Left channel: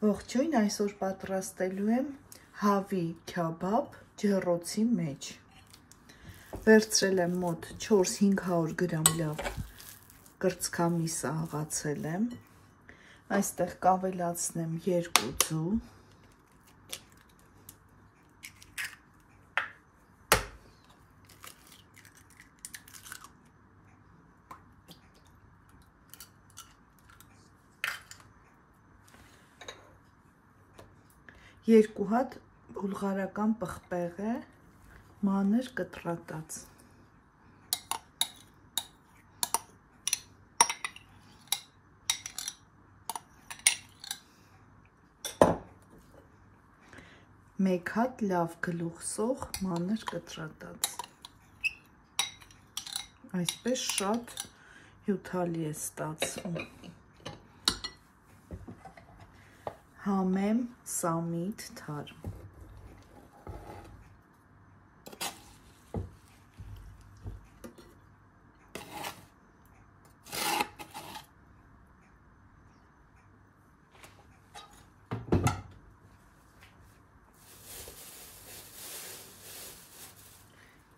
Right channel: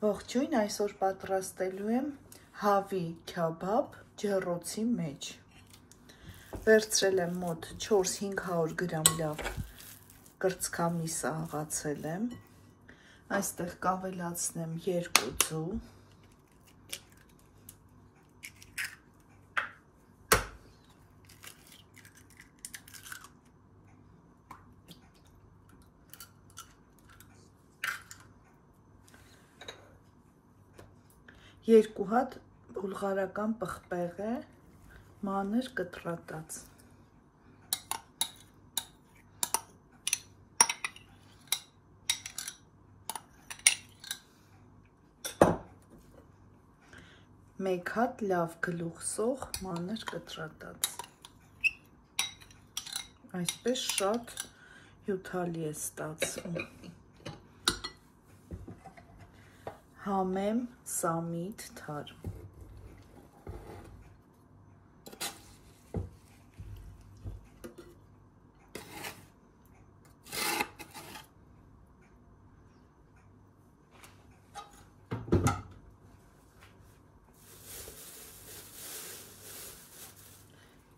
Ողջույն, այսօր պատրաստելու եմ հավի քյաբաբ ջեռոցի մեջ։ Վերցրել եմ մոտ 400-500 գրամ լավ կրծքամիսը հղացել եմ։ Այստեղ կավելացնեմ 2 ձու։ Երկու հատ բուլղարական պղպեղ է, մանր կտրատած։ Մեկ հատ լավ գլուխսող մանր կտրատած։ Այսպես շատ հյութալի է ստացվում։ Համեմ սամիտ թարմ։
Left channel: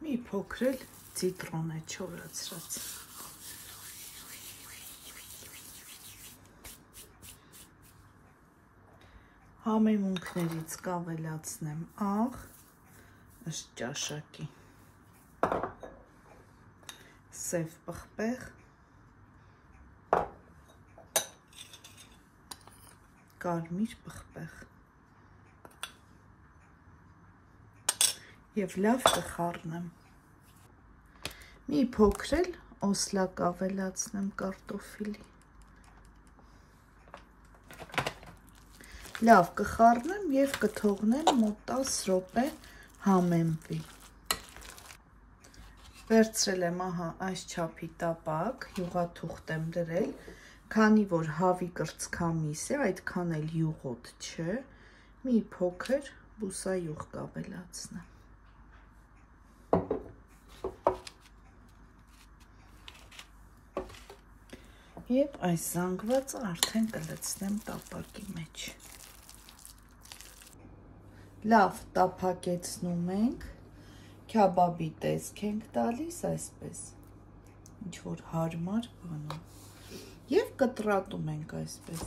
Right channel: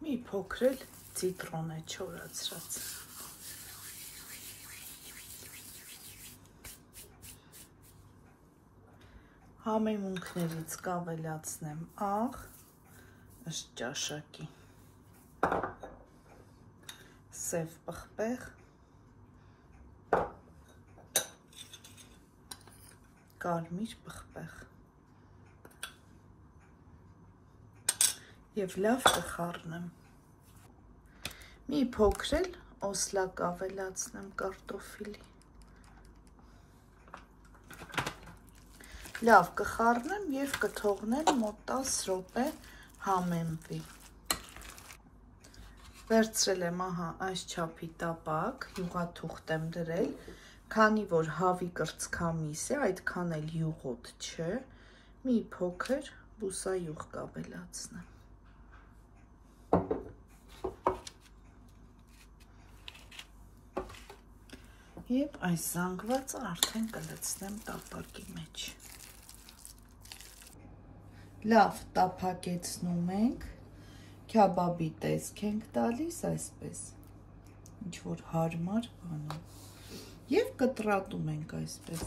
Մի փոքր ցիտրոն է չորացրած։ Համեմունքներից կավելացնեմ աղ ըստ ճաշակի, սև պղպեղ, կարմիր պղպեղ և լավ կխառնեմ։ Մի փոքր օսլա կավելացնեմ կարտոֆիլի։ Լավ կխառնեմ և կթողնեմ մոտ 10 րոպե համեմվի։ Վերցրել եմ այս չափի տապակ, յուղաթուղթ եմ դրել, քանի որ հավի կրծքամիս է, այդքան էլ յուղոտ չէ, մի փոքր բուսայուղ կավելացնեմ։ Եվ այս զանգվածը արդեն կլցնեմ տապակի մեջ։ Լավ տափակեցնում ենք, քյաբաբի տեսք ենք տալիս այսպես, ինչ որ հարմար բանով և կտրատում ենք այսպես։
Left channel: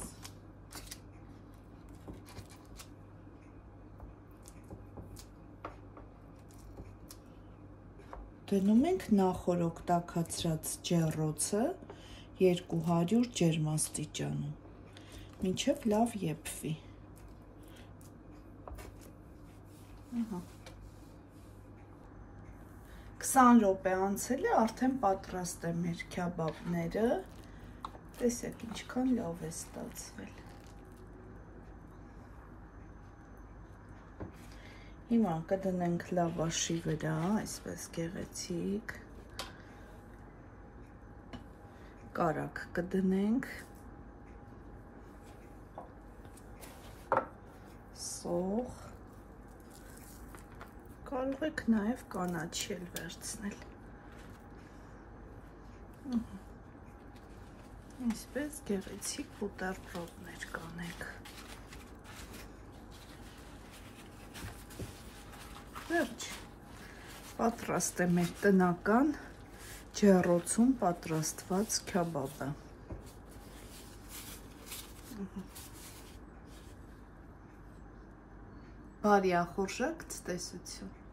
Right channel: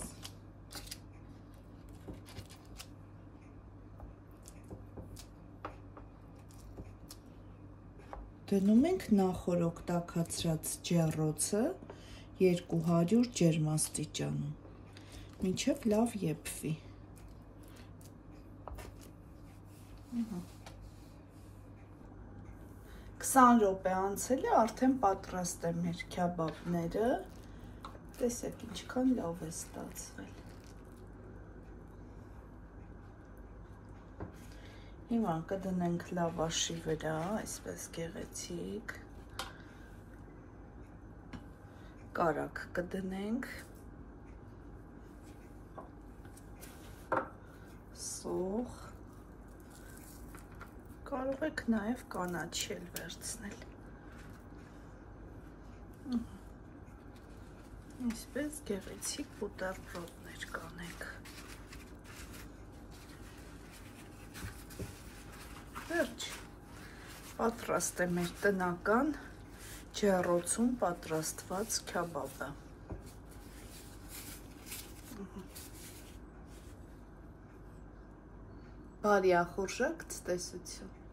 Դնում ենք նախորոք տաքացրած ջեռոցը 200 ջերմաստիճանում, մինչև լավ եփվի։ 20 րոպե անցել է, արդեն պատրաստ է մեր քյաբաբները, տեսեք ինչքան լավ է ստացվել։ Հիմա կդնենք լավաշի վրա, այսպես գեղեցիկ, կարագ կդնենք, սող, կարող եք նաև կանաչի էլ վերցնել։ Այսպես գեղեցիկ բուտերբրոդներ կանենք։ Վերջ, պատրաստ է մեր տնական ջեռոցում պատրաստված քյաբաբը։ Բարի ախորժակ ցտեսություն։